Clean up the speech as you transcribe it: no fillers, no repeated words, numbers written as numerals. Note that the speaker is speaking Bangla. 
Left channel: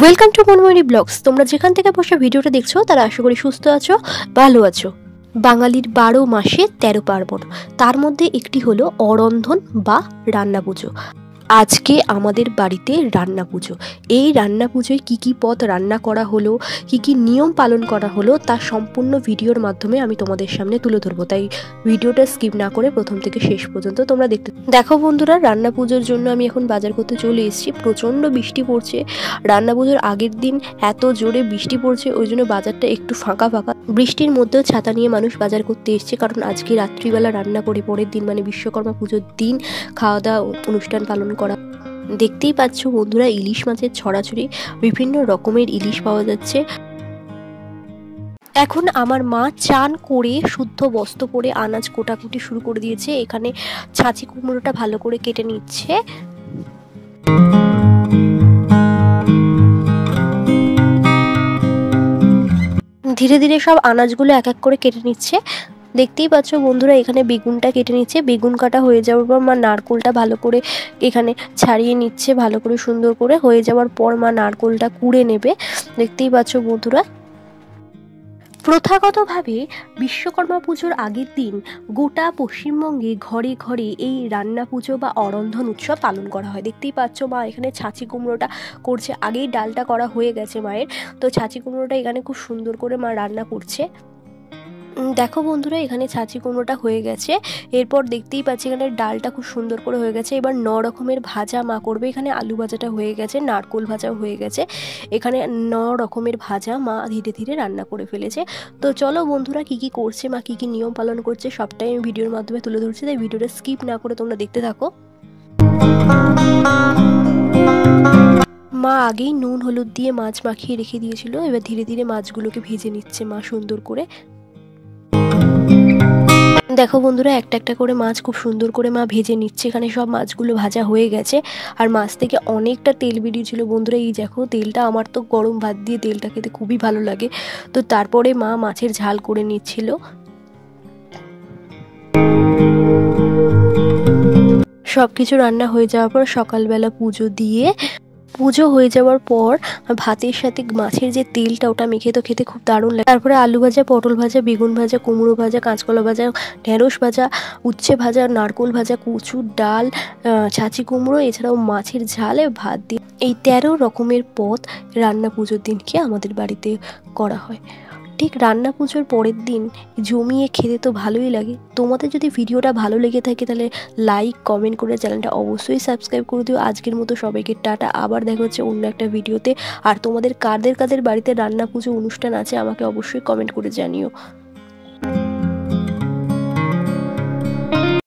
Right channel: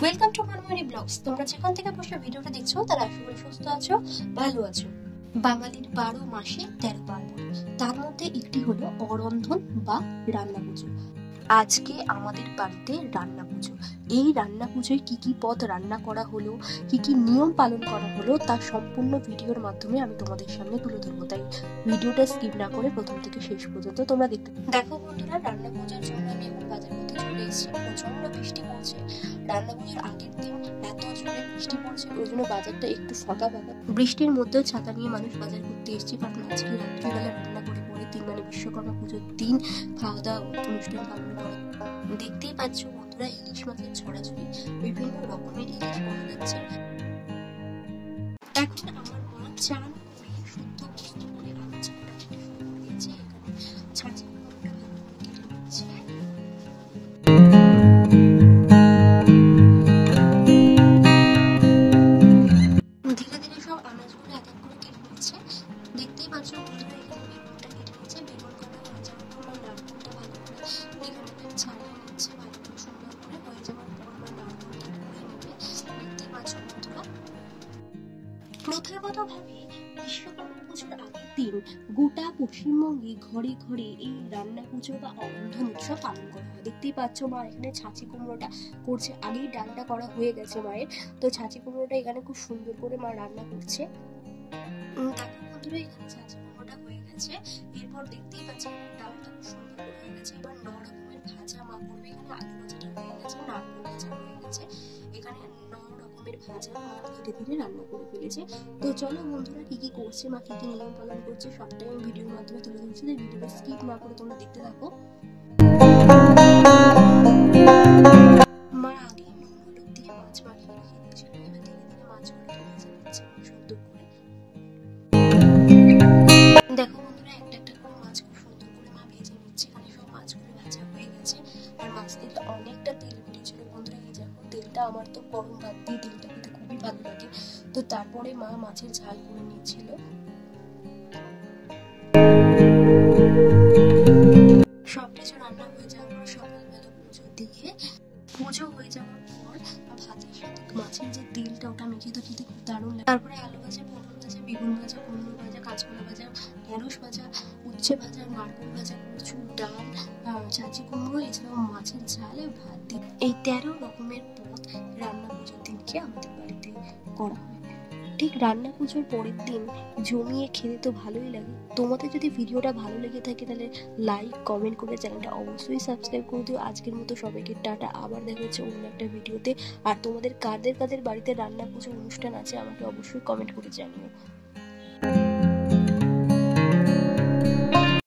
Welcome to মনময়ূরী blogs. তোমরা যেখান থেকে বসে ভিডিওটা দেখছো তারা আশা করি সুস্থ আছো, ভালো আছো। বাঙালির 12 মাসে 13 পার্বণ, তার মধ্যে একটি হলো অরন্ধন বা রান্না পুজো। আজকে আমাদের বাড়িতে রান্না পুজো। এই রান্না পুজোয় কী কী পদ রান্না করা হলো, কী কী নিয়ম পালন করা হলো, তার সম্পূর্ণ ভিডিওর মাধ্যমে আমি তোমাদের সামনে তুলে ধরবো। তাই ভিডিওটা স্কিপ না করে প্রথম থেকে শেষ পর্যন্ত তোমরা দেখো বন্ধুরা, রান্না পুজোর জন্য আমি এখন বাজার করতে চলে এসেছি। প্রচণ্ড বৃষ্টি পড়ছে। রান্না পুজোর আগের দিন এত জোরে বৃষ্টি পড়ছে, ওই জন্য বাজারটা একটু ফাঁকা ফাঁকা। বৃষ্টির মধ্যেও ছাতা নিয়ে মানুষ বাজার করতে এসছে, কারণ আজকে রাত্রিবেলা রান্না করে পরের দিন মানে বিশ্বকর্মা পুজোর দিন খাওয়া দাওয়া অনুষ্ঠান পালন করা। দেখতেই পাচ্ছ বন্ধুরা, ইলিশ মাছের ছড়াছড়ি, বিভিন্ন রকমের ইলিশ পাওয়া যাচ্ছে। এখন আমার মা চান করে শুদ্ধ বস্ত্র পরে আনাজ কোটাকুটি শুরু করে দিয়েছে। এখানে ছাঁচি কুমড়োটা ভালো করে কেটে নিচ্ছে। ধীরে ধীরে সব আনাজগুলো এক এক করে কেটে নিচ্ছে। দেখতেই পাচ্ছ বন্ধুরা, এখানে বেগুনটা কেটে নিচ্ছে। বেগুন কাটা হয়ে যাওয়ার পর মা নারকোলটা ভালো করে এখানে ছাড়িয়ে নিচ্ছে, ভালো করে সুন্দর করে। হয়ে যাওয়ার পর মা নারকোলটা কুড়ে নেবে। দেখতেই পাচ্ছ বন্ধুরা, প্রথাগতভাবে বিশ্বকর্মা পুজোর আগের দিন গোটা পশ্চিমবঙ্গে ঘরে ঘরে এই রান্না পুজো বা অরন্ধন উৎসব পালন করা হয়। দেখতেই পাচ্ছ মা এখানে ছাঁচি কুমড়োটা করছে। আগেই ডালটা করা হয়ে গেছে মায়ের, তো ছাঁচি কুমড়োটা এখানে খুব সুন্দর করে মা রান্না করছে। দেখো বন্ধুরা, এখানে ছাঁচি কুমড়োটা হয়ে গেছে। এরপর দেখতেই পাচ্ছি এখানে ডালটা খুব সুন্দর করে হয়ে গেছে। এবার 9 রকমের ভাজা মা করবে। এখানে আলু ভাজাটা হয়ে গেছে, নারকোল ভাজাও হয়ে গেছে। এখানে 9 রকমের ভাজা মা ধীরে ধীরে রান্না করে ফেলেছে। তো চলো বন্ধুরা, কি কি করছে মা, কি কি নিয়ম পালন করছে সবটাই আমি ভিডিওর মাধ্যমে তুলে ধরছি। তাই ভিডিওটা স্কিপ না করে তোমরা দেখতে থাকো। মা আগেই নুন হলুদ দিয়ে মাছ মাখিয়ে রেখে দিয়েছিল। এবার ধীরে ধীরে মাছগুলোকে ভেজে নিচ্ছে মা সুন্দর করে। দেখো বন্ধুরা, একটা একটা করে মাছ খুব সুন্দর করে মা ভেজে নিচ্ছে। এখানে সব মাছগুলো ভাজা হয়ে গেছে, আর মাছ থেকে অনেকটা তেল বেরিয়েছিল বন্ধুরা। এই দেখো তেলটা, আমার তো গরম ভাত দিয়ে তেলটা খেতে খুবই ভালো লাগে। তো তারপরে মা মাছের ঝাল করে নিচ্ছিল। সব কিছু রান্না হয়ে যাওয়ার পর সকালবেলা পুজো হয়ে যাওয়ার পর ভাতের সাথে মাছের যে তেলটা, ওটা মেখে তো খেতে খুব দারুণ লাগে। তারপরে আলু ভাজা, পটল ভাজা, বেগুন ভাজা, কুমড়ো ভাজা, কাঁচকলা ভাজা, ঢেঁড়স ভাজা, উচ্ছে ভাজা, নারকোল ভাজা, কচুর ডাল, ছাঁচি কুমড়ো, এছাড়াও মাছের ঝাল, ভাত দিয়ে এই 13 রকমের পদ রান্না পুজোর দিনকে আমাদের বাড়িতে করা হয়। ঠিক রান্না পুজোর পরের দিন জমিয়ে খেতে তো ভালোই লাগে। তোমাদের যদি ভিডিওটা ভালো লেগে থাকে তাহলে লাইক কমেন্ট করে চ্যানেলটা অবশ্যই সাবস্ক্রাইব করে দিও। আজকের মতো সবাইকে টাটা, আবার দেখা হচ্ছে অন্য একটা ভিডিওতে। আর তোমাদের কাদের কাদের বাড়িতে রান্না পুজো অনুষ্ঠান আছে আমাকে অবশ্যই কমেন্ট করে জানিও।